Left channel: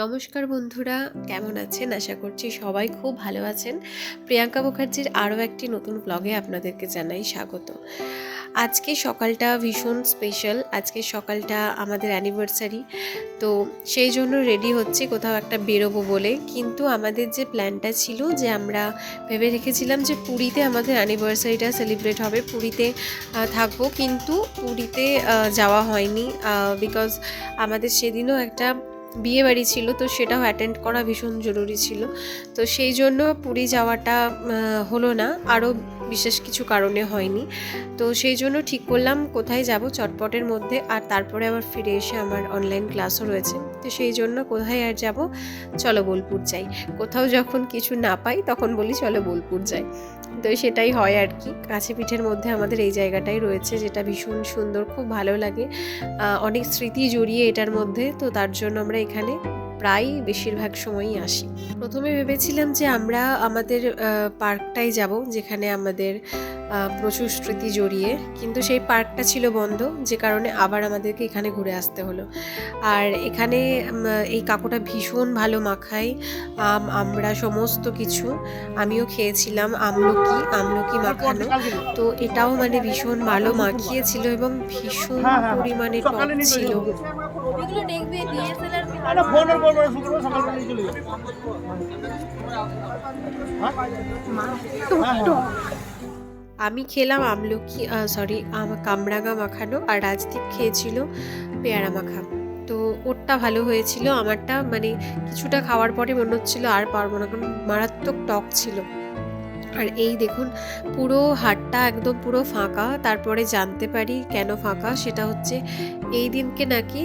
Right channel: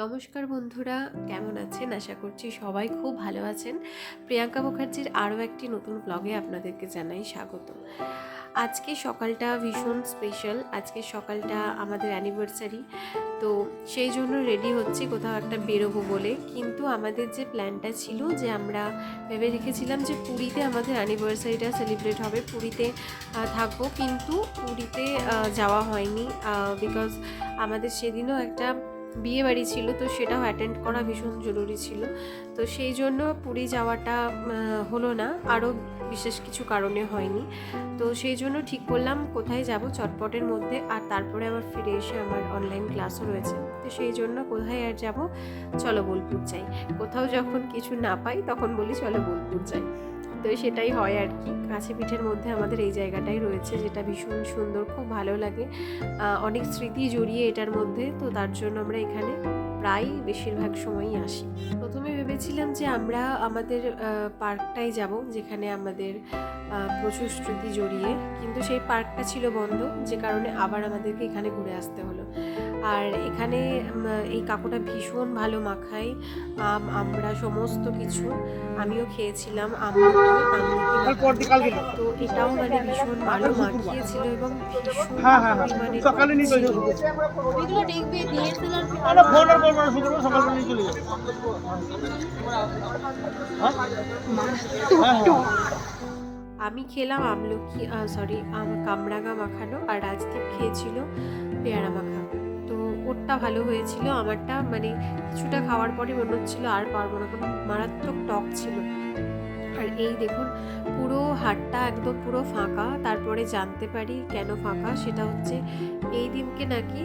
নমস্কার বন্ধুরা, কেমন আছেন? আশা করছি সবাই খুব ভালো আছেন। প্রিয়াঙ্কা মুখার্জির আরও একটি নতুন ব্লগে আপনাদেরকে জানাই স্বাগত। আজকে সকালটা ভীষণ স্পেশাল। আজকে সকালটা আমাদের অ্যানিভার্সারি, তো সেই জন্য রেডি হচ্ছি কোথাও একটা বেরোবো বলে। কিন্তু আমাদের যে প্ল্যানটা ছিল, যে আমরা ভেবে রেখেছিলাম যে পুরীতে আমাদের অ্যানিভার্সারিটা সেলিব্রেট হবে, পুরীতে থাকবো। কিন্তু পুরীতে যাওয়া হয়নি, বিকজ আমাদের সেদিনও একটা বিয়ে বাড়ি ছিল, তো সেটাও অ্যাটেন্ড করা ভীষণ জরুরি ছিল। তো সেই জন্য পুরী যাওয়াটা হলো না, আরও বিশেষ কিছু কারণে হয়নি। তো সেই জন্য ঠিক করলাম কোথায় যাব চটপটের মধ্যে, আর তারপরে আবার ফিরে এসে আমার অনলাইন ক্লাসও রয়েছে। তো সেই জন্য কোথায় আর যাব, চলো বোলপুর যাই। কোথাও যখন কিছু না পাই তখন বলি চলো বোলপুর যাই। তো সেটাই হয় আর কি। কাছে পিঠের মধ্যে আমাদের এই জায়গাটাই রয়েছে, যেটা ভীষণ সুন্দর, খুব ভালো লাগে। অনেক স্মৃতি জড়িয়ে এটার মধ্যে, তো তার জন্য আমরা এখানে প্রায় বেশিরভাগ সময়ই আসি। প্রথমে ভেবেছিলাম যে আমরা আমাদের পার্কটাই যাব, যেখানে আমাদের প্রচুর স্মৃতি জড়িয়ে, কিন্তু সেই পার্কটা ছিল বন্ধ, যে কারণে আবার আমাদেরকে এখানে ঘুরে আসতে হলো। আর এখানে এই কাকুটা ভীষণ ভালো মাখায় আমরা সমস্ত কিছু। আমিও খেয়েছিলাম আমলকি মাখানো, তো এটাও মানে ভীষণ ভালো মাখিয়েছিল এবং ভীষণ পরিমাণে টক ছিল। আমি খেলাম কামরাঙা মাখানো, আর রাজদীপ খেয়েছিল পেয়ারা মাখা। তো ওরটা ভালো হয়েছিল, আমারটা মানে কিছুটা খাওয়ার পরে মনে হচ্ছিল আর পারবো না, কারণ মারাত্মক টক ছিল। আর এই দেখুন, পুরো হাটটা একদম পুরো ফাঁকা। তারপরে জানতে পারি কেন ফাঁকা, সেটা হচ্ছে এই দিনকে নাকি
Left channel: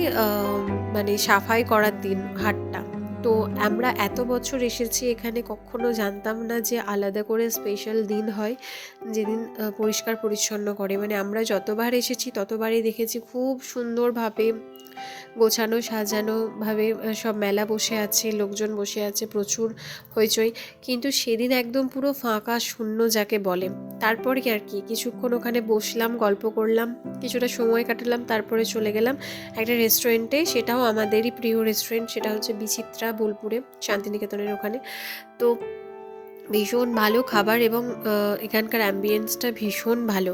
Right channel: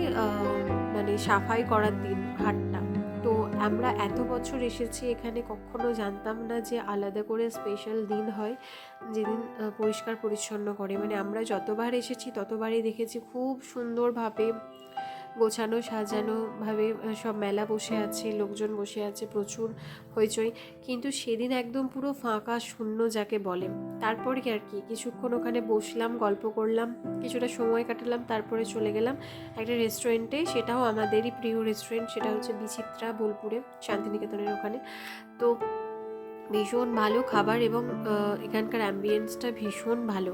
মানে সাফাই করার দিন হাটটা। তো আমরা এত বছর এসেছি এখানে, কখনো জানতাম না যে আলাদা করে স্পেশাল দিন হয় যেদিন পরিষ্কার পরিচ্ছন্ন করে। মানে আমরা যতবার এসেছি ততবারই দেখেছি খুব সুন্দরভাবে গোছানো সাজানোভাবে সব মেলা বসে আছে, লোকজন বসে আছে, প্রচুর হইচই। কিন্তু সেদিন একদম পুরো ফাঁকা শূন্য যাকে বলে। তারপরে আর কি কিছুক্ষণ ওখানে বসলাম, গল্প করলাম, কিছুটা সময় কাটালাম, তারপরে চলে গেলাম একটা রেস্টুরেন্টে। সেটাও আমাদেরই প্রিয় রেস্টুরেন্ট, সেটা হচ্ছে বিচিত্রা, বোলপুরে, শান্তিনিকেতনের ওখানে। তো ভীষণ ভালো খাবার এবং এখানকার অ্যাম্বিয়েন্সটা ভীষণ ভালো।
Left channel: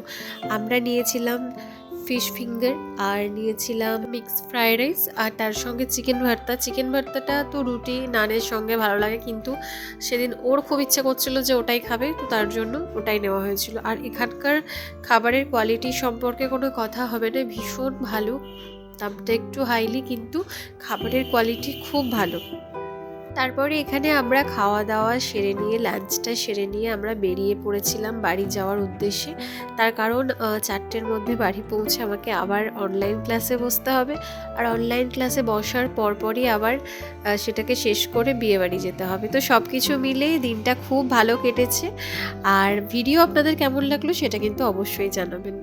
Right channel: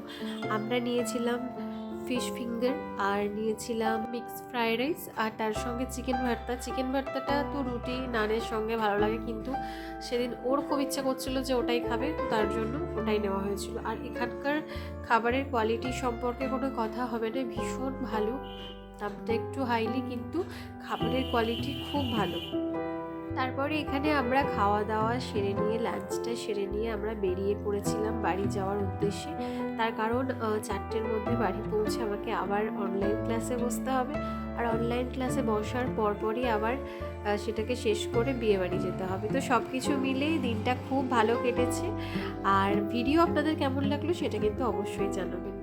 আমরা নিয়েছিলাম ফিশ ফিঙ্গার, আর নিয়েছিলাম মিক্স ফ্রাইড রাইস, আর তার সঙ্গে চিকেন ভর্তাটা তো রুটি নানের সঙ্গে ভালো লাগে, কিন্তু সেদিন ওর খুব ইচ্ছে করছিল যে ওটাই খাবে, তো তার জন্য ওটাই নেওয়া হয়েছিল। আর এখানকার খাবারের কোয়ালিটি সম্পর্কে কোনো কথা হবে না, ভীষণ ভালো। দামটা একটু হাইলি, কিন্তু খাবারের কোয়ালিটি খুব ভালো। তারপরে এখানে আমরা খাওয়া দাওয়া সেরে নিয়ে, লাঞ্চটা সেরে নিয়ে আমরা বেরিয়ে পড়েছিলাম বাড়ি যাওয়ার উদ্দেশ্যে। তার কারণ 4টের মধ্যে বাড়ি পৌঁছে আমাকে আবার অনলাইন ক্লাসে বসতে হবে, আর অনলাইন ক্লাসে বসার পরপরই আবার সেটাকে শেষ করে বিয়ে বাড়ি যেতে হবে। তো সব কিছু মিলেই দিনটা খুব ভালো কেটেছে। আর ভিডিও আপনাদের কেমন লাগলো সেটা কিন্তু অবশ্যই জানাবেন।